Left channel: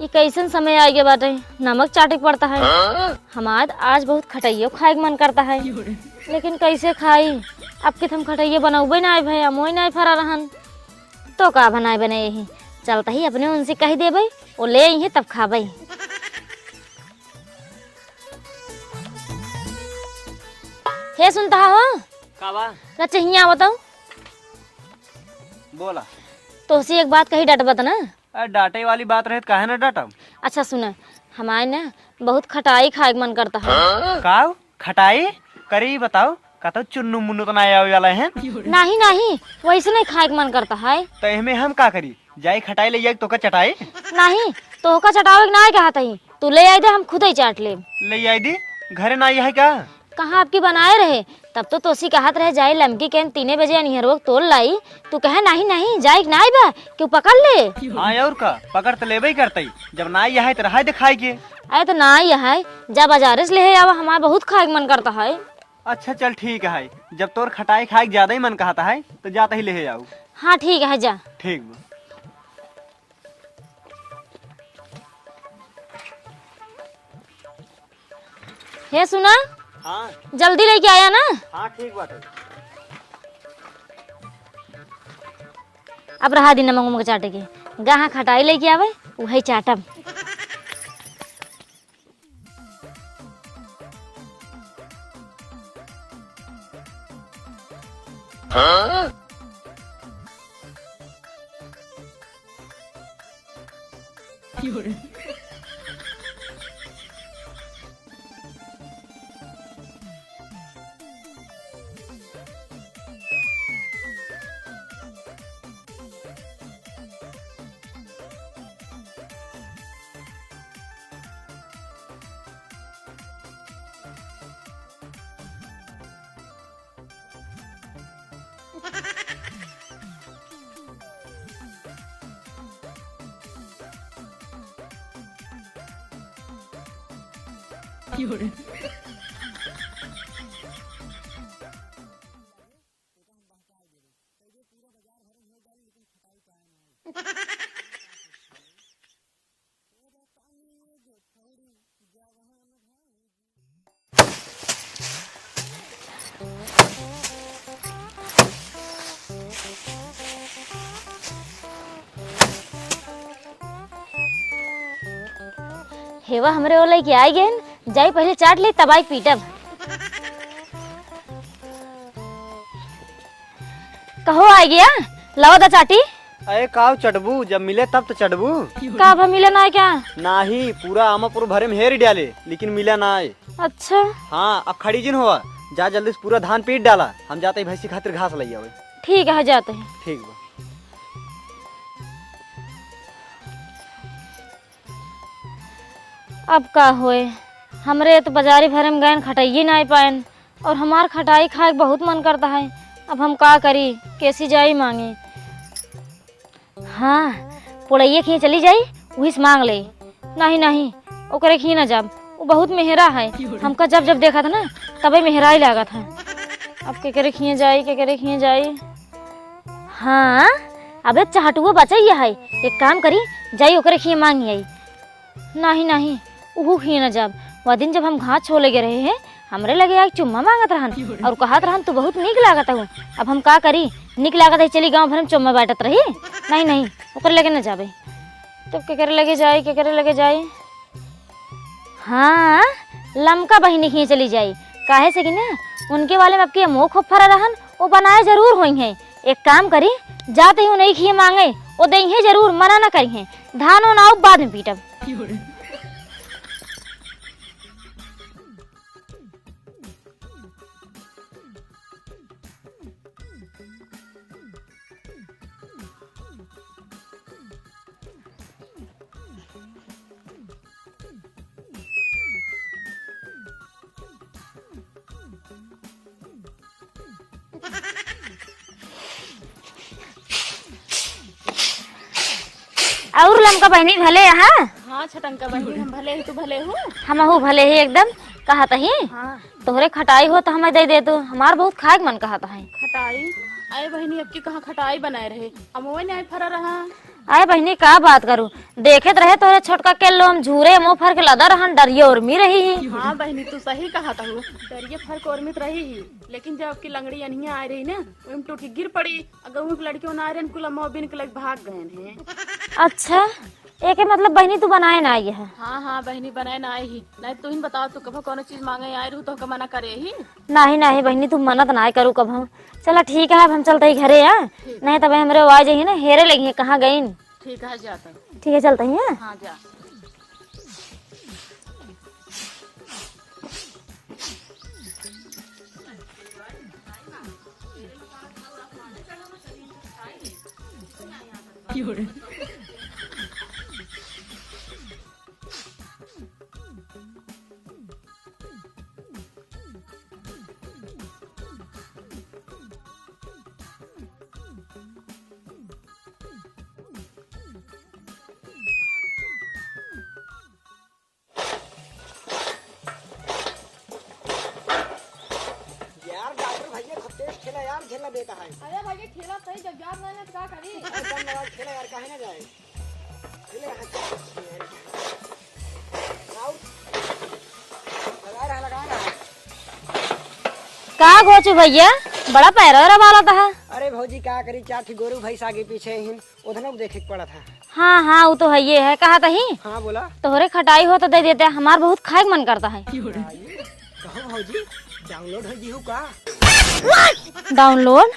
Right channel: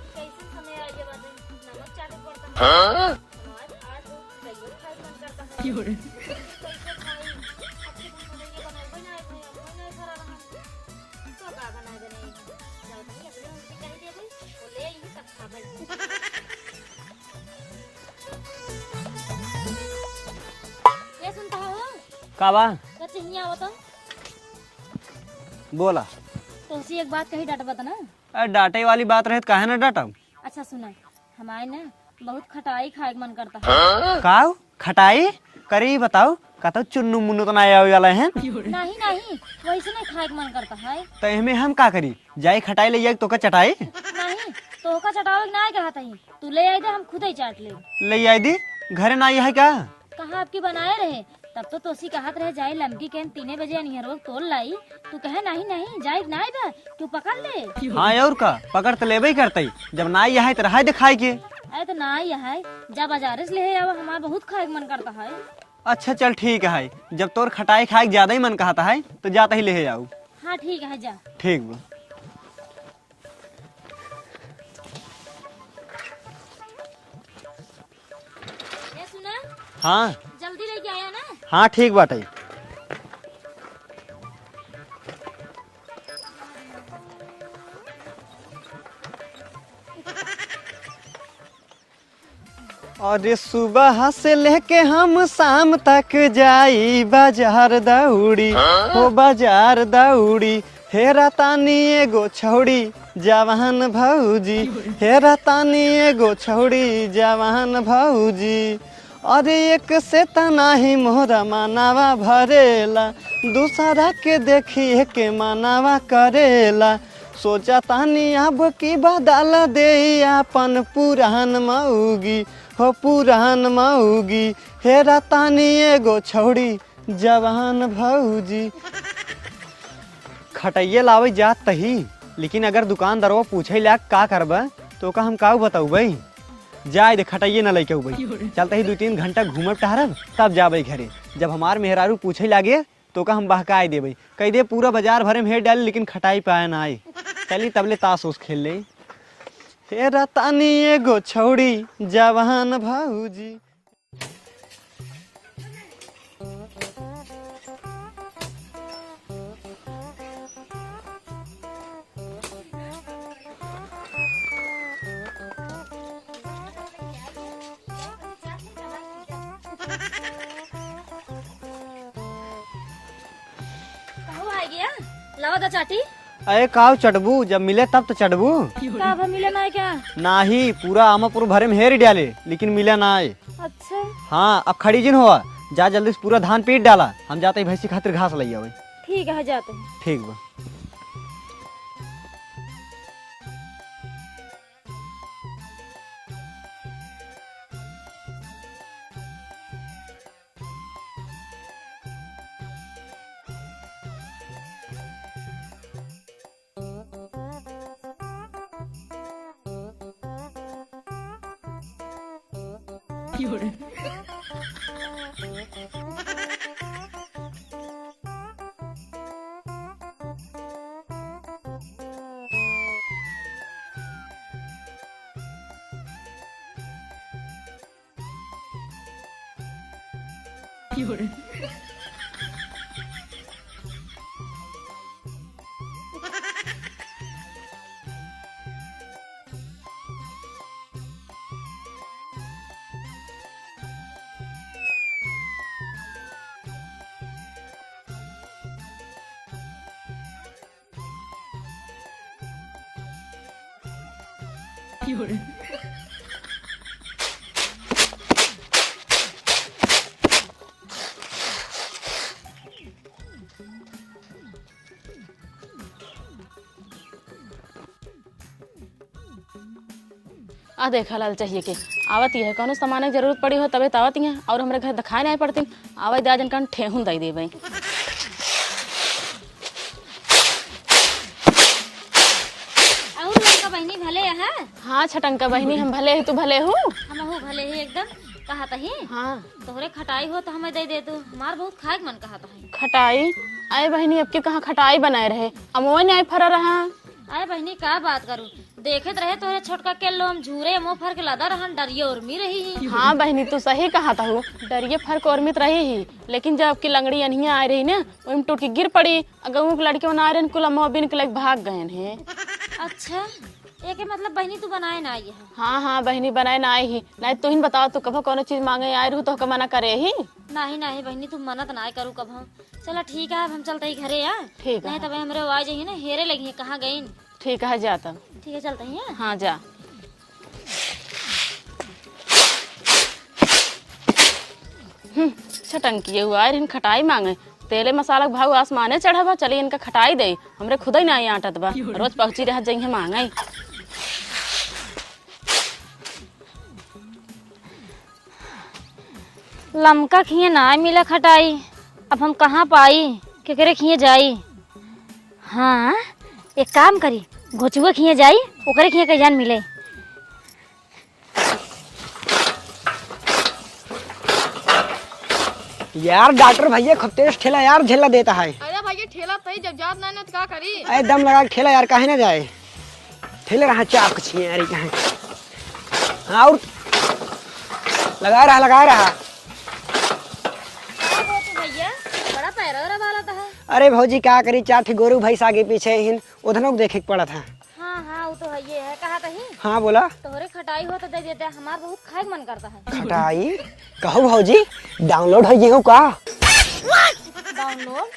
ये कैसन समय आ गया बाटे, नमक चाटे पड़ता है। हमार आज बहुत खटाइयो खाए मन करता है, लेकिन कैसे खाई। अब के हम खटाइयो बनाऊबे ना भाई, मोई नहीं फरा रहन तो का बनाए बने यही चलता ही अपने उनसे कही दे भाई, वो ले आई है तब खा भाई। हे सुनता हो का बा? चाहिए बताओ। बोला तो उसी एक बात कही डट ना। डांटे वाली बात रहे काहे ना डांटा। अच्छा सुना, हमारे ना बहुत खटाई खाए मन करता है। का खटाई करी बताओ, का तो चुन्नू मुन्नू तो ना आवे वाला है। नहीं नहीं वैसे नहीं खाए मन करता है। तो इसमें हम का करी, जाई खटाई ले जाए तो का चटाई नहीं तो का चटावे ना कहता ही, तू ले आई दे हम खुद ही चाट ले। ले आई दी घरे ना है क्या? कहाँ आपकी बनाए रहे तब तो तोसी कहत रहे जाई लमकी के 3 बजे अनिहरवा तोड़ लाई, तू कहे नहीं नहीं जाई ना आई बा क्यों पकड़ ले। हाँ और का पकड़ तो लेबे करते, जब ना आई है तो रहा दिखाई के। अरे तो ना आई है जा बाजार से ले आवा, हमारा बहुत खाए मन करता है। अच्छा चल ठीक है, जब तोर खटाई खाए ज्यादा ही मन कहता है तो जाता ही ले जाओ। हाँ ठीक है जा। ठीक बा। हे सुना, हाँ जल्दी लेके आया ना। हाँ ठीक बाटे। अब रहा दिन नमक चाटे के, जहाँ खटाई लेके आवे वही चाटब। अरे सुबह से लेके हम शाम तक जाई बाजार दौड़ी, हो बाजार दौड़ी। हेरा तानी एगो छौड़ी जवान भौजी, हेरा तानी एगो छौड़ी जवान भौजी। अरे एक से तना ही मोहरा मानावा भरेला, दूसरा के देखिए के मानावा करेला। सोचा तानी अब की बदल दे अपन पुरान मऊगी, हो पुरान मऊगी। हेरा तानी एगो छौड़ी जवान भौजी। खटाइये लावे जात तही, लेकिन अगर दुकानदारवा पूछे ला का करबा तो का हम का बताऊ भाई। जाए दे खटाइये न लेके भाई, चलते ही 2-3 घंटा घूमब टहरब तब जाबे घरे। जब हमार मेहरारू पूछे लागे तो का हम बहकाए देबे, कह दे पूरा बाजार भरे में हेर डाली लेकिन खटाई पाए ना आए। चली तबले ताश उस खेल ले। हेरा तानी एगो छौड़ी जवान भौजी। हेवा हमरे वो लेके आई गए, जाई पहले चाट ले तब आई पीटब। कहो आ गया लाओ दा चाटी। अरे काव चढ़बू, जब मिले तब तो चढ़बू। का भा मिले ना है क्या? नाही पूरा आमापुर भरे में हेर डाले लेकिन मिले ना आए। अच्छा हाँ अब खड़ी जिन हुआ, जा जल्दी से पूरा धान पीट डाला, हम जाते ही भैंसी खातिर घास ले आवे। ठीक है जाते हैं। ठीक बा। अब का होए, हमरे तो बाजारी भरे में गए खटाइए ना पाए, और हमार खटाई खाए बहुत मन करता है। अब हम का करी, कैसी जाई मांगे। हाँ पुड़ैया खी चली जाई वही से मांग ले। नहीं नहीं ओकरे खी ना जाब, वो बहुत मेहरा है। हमका जब जब देखा था ना तबे मेहरा ही लगा था। अब के करे खिए जाई, के करे खिए जाई। हाँ अबे चाहटुआ बचाइए है, एक काम करी जाई ओकरे खिए मांगी आई। नहीं नहीं उहू खी न जब वह दिन जब हम घास छोले के रहे हैं, हमरे लगे एक चुम्मा मांगत रहन और कहत रहन तू बहुत नीक लागत हो। अब हम का करी, नीक लागत है चली गांव भर में चुम्मा बांटत रही। नहीं नहीं ओकर लगे न जाबे तो के करे लगे जाई, के करे लगे जाई। हाँ लमका बहिनी खी चली जाई, काहे से कि ना उनके वाले में आपके मुँह खूब फरा रहन, वो बनाए जरूर हुई है। एक काम करी जाते ही नहीं खिए मांगे वो दे जरूर, मना ना करी है। धान नाव बाद में पीटब। आ देखा लाल चाहिए के आवत ही है, कौनो सामान की जरूरत पड़ी हो तबे आवत ही है, और हमारे घर दिखाए नहीं पड़ती। आवे दे जन कान ठेहुन दई देबे। और लमका बहनी भले यहाँ। हाँ छटन का बहनी हम भले है, तू भले हो। हम हूँ भले ही एकदम। कहा था ही हाँ तोहरे खटाई हो तो हमें दे दे तू, हमार बहुत खाए के मन कहा था। खटाई आए बहनी, अब के कहाँ खटाई बनाए रहे, अब वो नहीं फरा रहा। आए बहनी का बात करूं, देखत रहे तोरे छोटका के लोम झूरे मुंह फर के लदा रहन, डरिए उर्मी रही ही। हाँ बहनी तू सही कहा था, डरिए फर्क उर्मित रही ही, लेकिन जब आपकी लंगड़ी अनिया आ रही ना वही टूट के गिर पड़ी। अगर वो लड़के बना रहे कुल अम्मा बिन के लग भाग गए हैं। अच्छा एक मतलब बहनी तू बनाए ना आई है। हाँ बहनी बनाए ना आई ही, नहीं तू ही बताओ तू कब कोनो चीज मांगे आए रहू तो मना करे ही। नहीं बहनी तू मन्नत ना करू कब हम। चला ठीक है, अब हम चलते ही घरे है, नहीं तब हमरे आवाज ही ना हेरे लगी है कहाँ गई। ठीक है जाता। ठीक है चलते ही है। हाँ जा। छटंकी हुआ है, खटाई मांगे तेले मसाला भाव आसमाने चढ़ा, चलिए इनका खटाई दे, हमरे खुद ही नहीं आटत बा, रोज पहुंची रह जाइए मांगे। लमका खिए ना मिला खटाई, अब हम कहाँ पाई केकरे खिए जाई। हाँ एक काम करी, घोचुआ खिए जाई, ओकरे खिए कहीं जान मिले। यार डॉक्टर भैया खूब तेज ठेला यार झेला देता है। अरे भैया ठेला सही जब जात ना तो क्या करी। एकदम लगा के ठेला यार, काहे ना जाए ठेले रहा चाप कुछ यार कहाँ। और लगा रहा का घोचू भैया बड़ा पैरा वाला था। अरे भौजी क्या करी, 4 ठे गोरू भैंस आगे पीछे हिन उधर देखे के पड़ा था। हाँ वो तो है, ये है कहा था ही। हाँ बोला। तोहरे खटाई हो तो दे देते, हमार बहुत खाए के मन करता है। खटाई कहो भौजी डाउनलोड हो गई का। डाउनलोड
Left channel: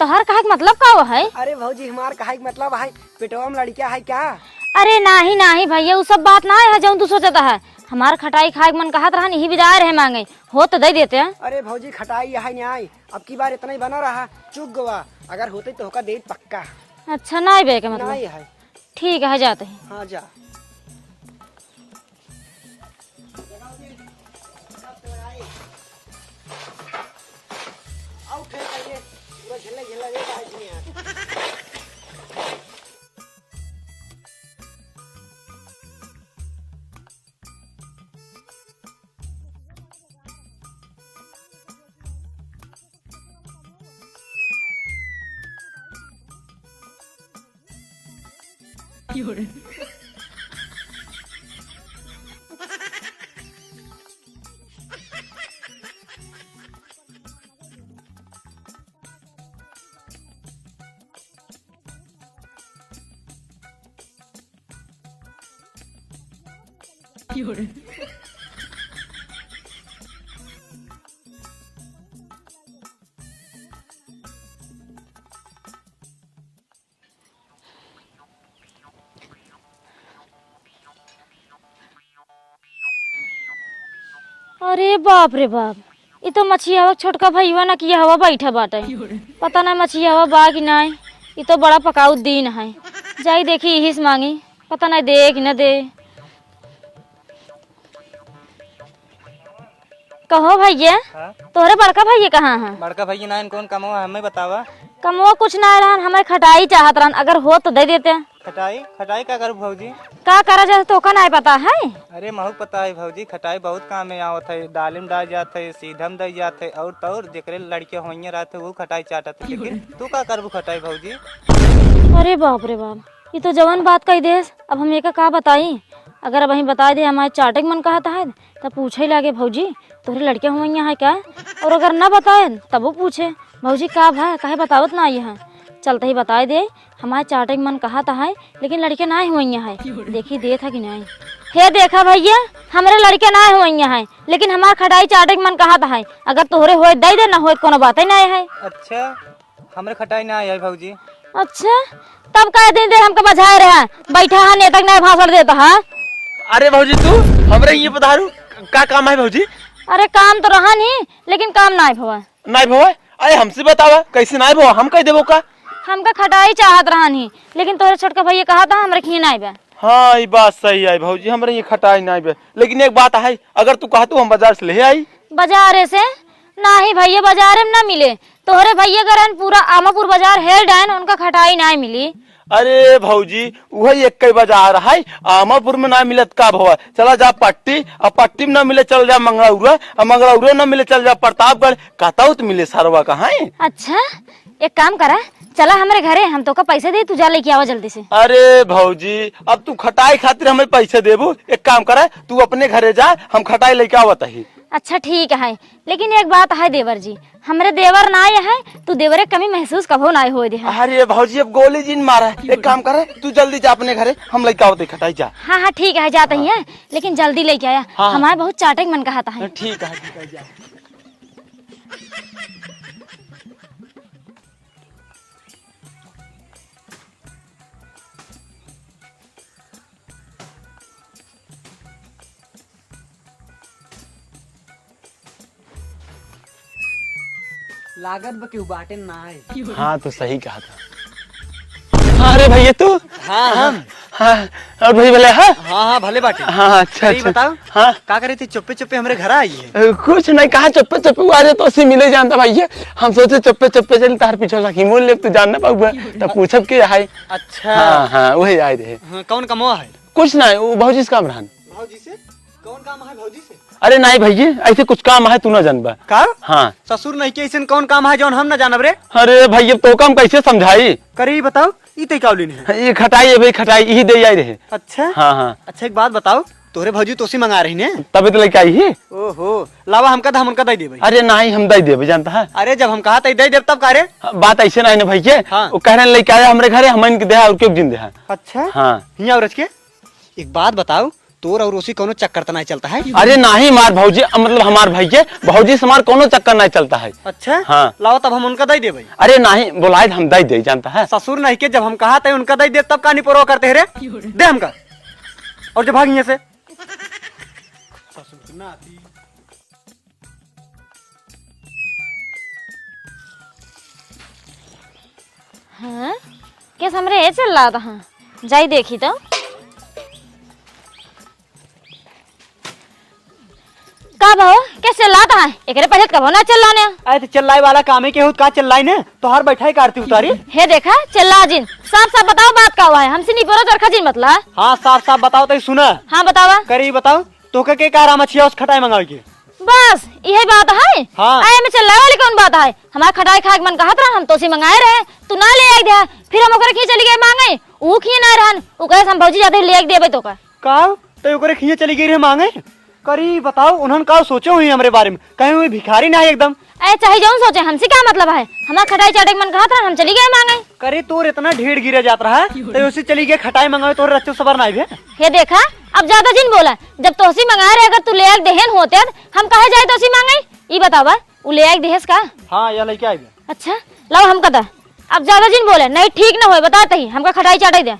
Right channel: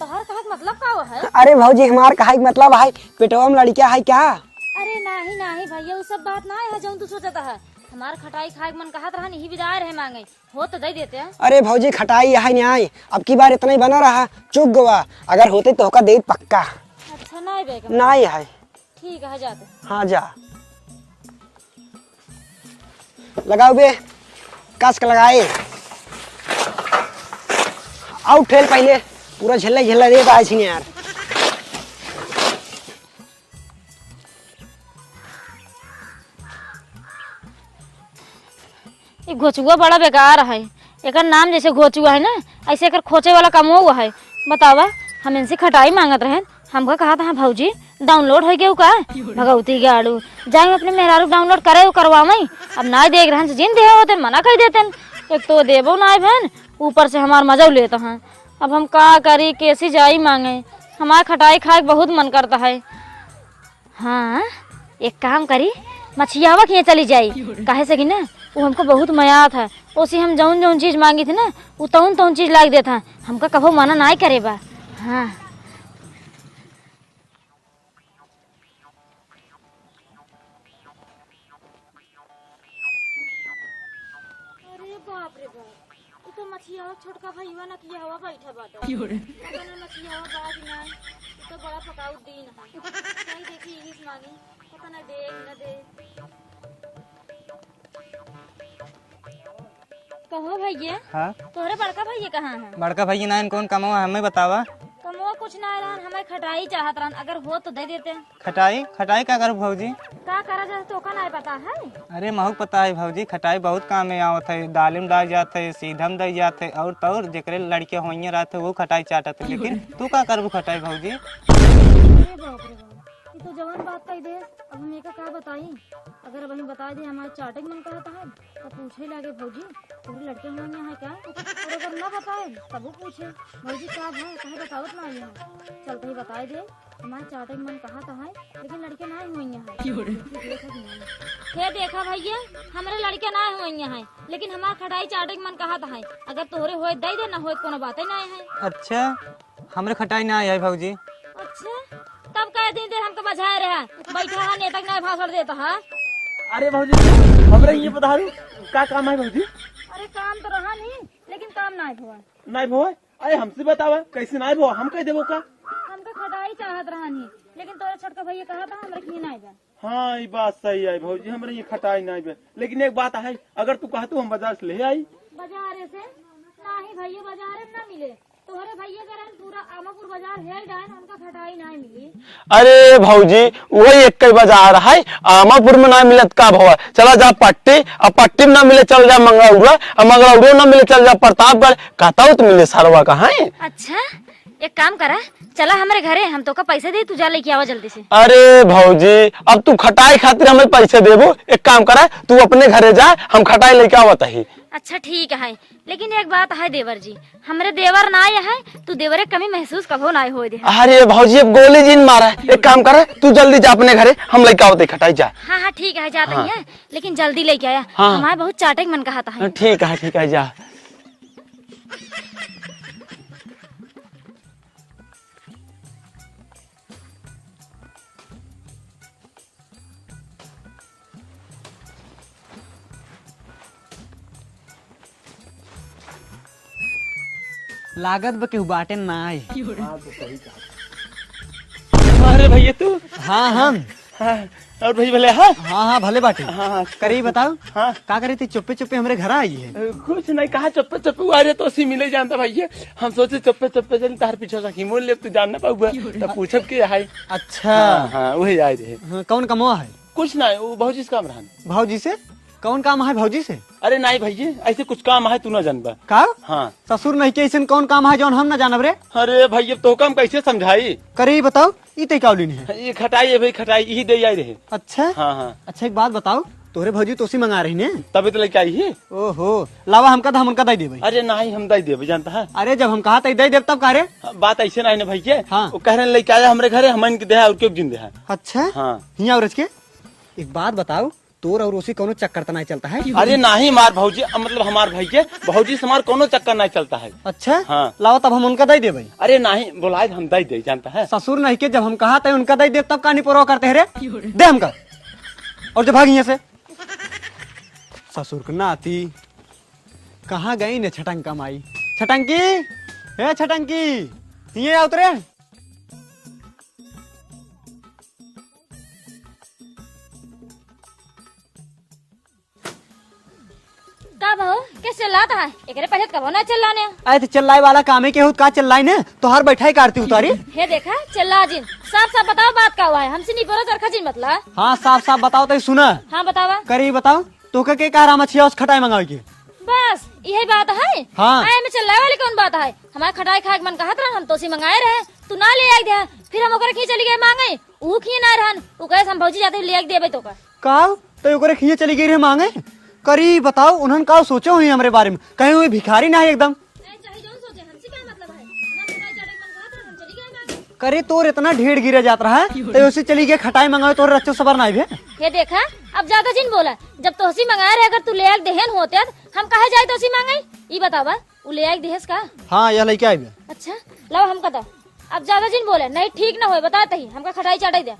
तोहर कहा के मतलब का है। अरे भौजी हमार कहा मतलब है पेटवा में लड़किया है क्या। अरे नहीं भैया वो सब बात ना है जो तू सोचता है। हमार खटाई खाए के मन कहत रहा, नहीं विदाई रहे मांगे हो तो दे देते हैं। अरे भौजी खटाई है नहीं आई, अब की बार इतना ही बना रहा, चुक गवा, अगर होते तो का दे पक्का। अच्छा नहीं बे मतलब। नहीं है। ठीक है जाते हैं। हाँ जा लगाओ बे, कस के लगाए आउट ठेल पहले पूरा झल्ला दे पाए छी यार। ये घोचुआ बड़ा बेकार है, एक नाम जैसे घोचुआ है ना, ऐसे एक खोचे वाला काम हुआ है। बतावा हम इनसे खटाई मांगत रहे, हमका कहा था भौजी डाउनलोड हो गया का भगवती गाड़ू जाए अपने मेहरारू डाउनलोड करे करवावे। अब ना देख रहे जिन दे होते मना कर देते, एक तो देवो ना बहन ऊपर से हमार मजा लेता है। अब हम का करी कैसी जाई मांगे, हमारे खटाई खाए बहुत मन करता है। हाँ एक काम करी मछियावा खिए चली जाई, काहे से कि ना वो हमको बहुत मयात है, उसी हम जौन चीज मांगी थी ना वो तौन चीज लाग देता, हमका कभो मना नहीं करे बा। हाँ अरे बाप रे बाप, ये तो मछियावा छोटका भैया ना किया हवा बैठा बाटे, पता ना मछियावा बा कि नहीं। ये तो बड़ा पकाऊ दिन है, जाई देखी यही से मांगी, पता नहीं दे कि न दे। कहो भैया हाँ? तोहरे बड़का भैया कहाँ है। बड़का भैया ना कौन कमवा हमें बतावा। कमवा कुछ ना रहन, हमें खटाई चाहत रहन, अगर हो तो दे देते। खटाई क्या करूँ भौजी। का करा जाए तो का नहीं पता है। अरे महू पता है भौजी, खटाई बहुत काम में आवत है, दालिम डाल जाते सीधम दे जाते और तौर जेकरे लड़के होइए रहते वो खटाई चाटत है, लेकिन तू का करबू खटाई भौजी। अरे बाप रे बाप, ये तो जवान बात कही देस, अब हम एक का बताई। अगर अब वहीं बता दे हमारे चाटे के मन कहता है तब पूछे ही लागे भौजी तोरे लड़के हुए यहाँ है क्या, और अगर न बताए तब वो पूछे भौजी का भाई काहे बतावत ना यहाँ। चलते ही बताए दे हमारे चाटे के मन कहता है, लेकिन लड़के ना हुए यहाँ है, देखी दे था कि नहीं। हे देखा भैया हमारे लड़के ना हुए यहाँ है, लेकिन हमारे खटाई चाटे के मन कहता है, अगर तोहरे हो दे दे, ना हो कोनो बात ही नहीं है। अच्छा हमरे खटाई ना आई भौजी। अच्छा तब कह दिन दे हमको बजाए रहा, बैठा है नेता नहीं भाषण देता है। अरे भौजी तू हमरे ये बता रू का काम है भौजी। अरे काम तो रहा नहीं, लेकिन काम नहीं भवा। नहीं भवा, अरे हमसे बतावा कैसे नहीं भवा, हम कह देबो का। हमका खटाई चाहत रहा नहीं, लेकिन तोरे छोटका भैया कहा था हमरे खिए नहीं बा। हाँ ये बात सही है भौजी, हमरे ये खटाई नहीं बे, लेकिन एक बात है, अगर तू कहतू हम बाजार से ले आई। बाजारे से नहीं भैया, बाजारे में ना मिले, तोहरे भैया गरन पूरा आमापुर बाजार हेल डायन उनका खटाई नहीं मिली। अरे भौजी वही एक बाजार है, आमापुर में ना मिलत का भवा, चला जा पट्टी, और पट्टी में ना मिले चल जा मंगलौरा, और मंगलौरा ना मिले चल जा प्रतापगढ़, कहता तो मिले सारवा का है। अच्छा एक काम करे, चला हमारे घरे, हम तो का पैसे दे, तू जा लेके आवा जल्दी से। अरे भौजी अब तू खटाई खातिर हमें पैसे देबू, एक काम करे तू अपने घरे जा, हम खटाई लेके आवत ही। अच्छा ठीक है, लेकिन एक बात है देवर जी, हमारे देवर ना आए है, तू देवरे कमी महसूस कभो ना हो दे। अरे भौजी अब गोली जीन मारा है, एक काम करे तू जल्दी जा अपने घरे, हम लेके आवते खटाई जा। हाँ हाँ ठीक है, जाते ही है, लेकिन जल्दी लेके आया। हाँ। हमारे बहुत चाटे मन कहा था। ठीक है जा। लागत बा केहू बाटे ना आए। हाँ तो सही कहा था। अरे भैया तू? हाँ हम हाँ और भाई भले हाँ हाँ भले बाटे। हाँ अच्छा करी बताओ हाँ का करे थी, चुप्पे चुप्पे हमारे घर आई है। कुछ नहीं कहा, चप्पे चप्पे आ रहे तो उसे मिले जानता भैया, हम सोचे चप्पे चप्पे चल तार पीछे सखी मोल ले, तू जानना पाऊंगा तो पूछब के है। अच्छा हाँ वही आए रहे। हाँ, कौन कमवा है? कुछ नहीं वो भौजी का रहन। भौजी से? कौन काम है भौजी से? अरे नहीं भैया ऐसे कुछ काम है, तू न जानबा का? हाँ ससुर नहीं के ऐसे कौन काम है जौन हम ना जानब रे? अरे भैया तो काम कैसे समझाई, करी बताओ, ये तो कावली नहीं है। ये खटाई है भाई, खटाई यही दे आई रहे। अच्छा हाँ अच्छा एक बात बताओ, तोरे भौजी तोसी मंगा रही ने? तभी तो लेके आई है। ओहो लावा हमका था, हम उनका दे देबे। अरे नहीं हम दे देवे जानता है। अरे जब हम कहा था दे देब तब का रे? बात ऐसे नहीं ना भैया, हाँ। वो कह रहे लेके आया हमारे घरे, हम इनके देहा और क्यों जिन देहा। अच्छा हाँ हिया औरत के एक बात बताओ, तोर और उसी कोनो चक्कर तो नहीं चलता है? अरे नहीं मार भौजी, मतलब हमार भैया भौजी से हमार कोनो चक्कर नहीं चलता है। अच्छा हाँ। लाओ तब हम उनका दे देबे। अरे नहीं बोलाए हम दे दे जानता है। ससुर नहीं के जब हम कहा था उनका दे देब तब का नहीं परवाह करते हैं रे? दे हमका और जो भाग यहाँ से। ससुर को नाती कहाँ गई ने छटंका माई? छटंकी हे छटंकी ये उतरे। हाँ कैसे हमरे ये चल रहा था? हाँ जाई देखी तो। का भाव कैसे लाता है एकरे पहले कबो ना चल लाने। आए तो चिल्लाए वाला काम है के होत का चिल्लाई ने तोहार बैठाई काटती उतारी। हे देखा चिल्ला जिन, साफ साफ बताओ बात का हुआ है, हमसे नहीं बोलो दरखा जिन मतलब। हाँ साफ साफ बताओ तो सुना। हाँ बतावा। करी बताओ तो के काम अच्छी उस खटाई मंगाई के? बस यही बात है। हाँ। आए में चल वाली कौन बात है? हमारा खटाई खाए के मन कहा था, हम तो सी मंगाए रहे, तू ना ले आई दे, फिर हम ओकरे खी चली गए मांगे, ऊ खी ना रहन, ऊ कहे हम भौजी जाते ले देबे तो का। का तो ओकरे खिए चली गई रे मांगे? करी बताओ उन्होंने का सोचे हुई हमारे बारे में, कहीं हुई भिखारी ना है एकदम। ऐ चाहे जो सोचे, हमसे क्या मतलब है? हमारा खटाई चाटे के मन कहा था, हम चली गए मांगे। करे तोर इतना ढेर गिरा जात रहा है तो उसी चली गई खटाई मंगाए तो रच्चो सबर ना है। ये देखा अब ज्यादा जिन बोला, जब तोसी मंगाए रहे, अगर तू ले आके देहन होते हम कहे जाए तोसी मांगे? ये बतावा ऊ ले आके देहस का? हाँ यह लेके आई। अच्छा लाओ हम कदा, अब ज्यादा जिन बोले नहीं ठीक ना होए बताते ही हमका खटाई चाटे दे।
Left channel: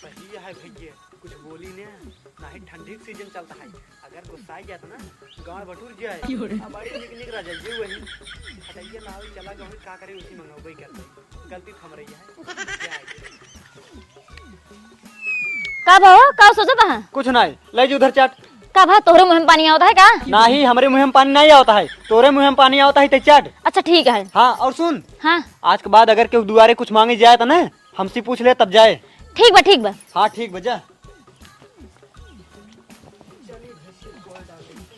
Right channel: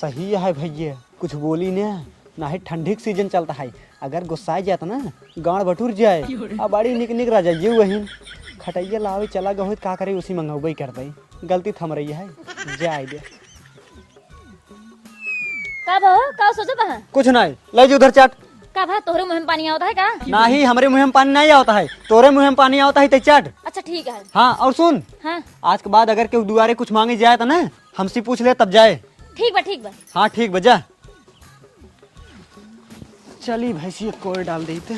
सही है भैया कुछ बोली ना है, ठंडी सीजन चलता है, अगर गुस्सा जाता ना गाड़ बटूर जाए, अब बड़ी निक निक रह जाइए वही खटैया लावे चला गए का करे उसी मंगावे कर दे, गलती थम रही है जाए दे। का भाव का सोचा था? कुछ नहीं ले जी उधर चाट। का भाव तोहरे मुंह में पानी आता है का? नहीं हमारे मुंह में पानी नहीं आता है, तोरे मुंह में पानी आता है तो चाट। अच्छा ठीक है। हाँ और सुन, हाँ आज के बाद अगर केहू दुआरे कुछ मांगे जाए तो ना हमसे पूछ ले तब जाए। ठीक बा ठीक बा। हाँ ठीक बजा। चली भैंसी कोई डाल दी थे।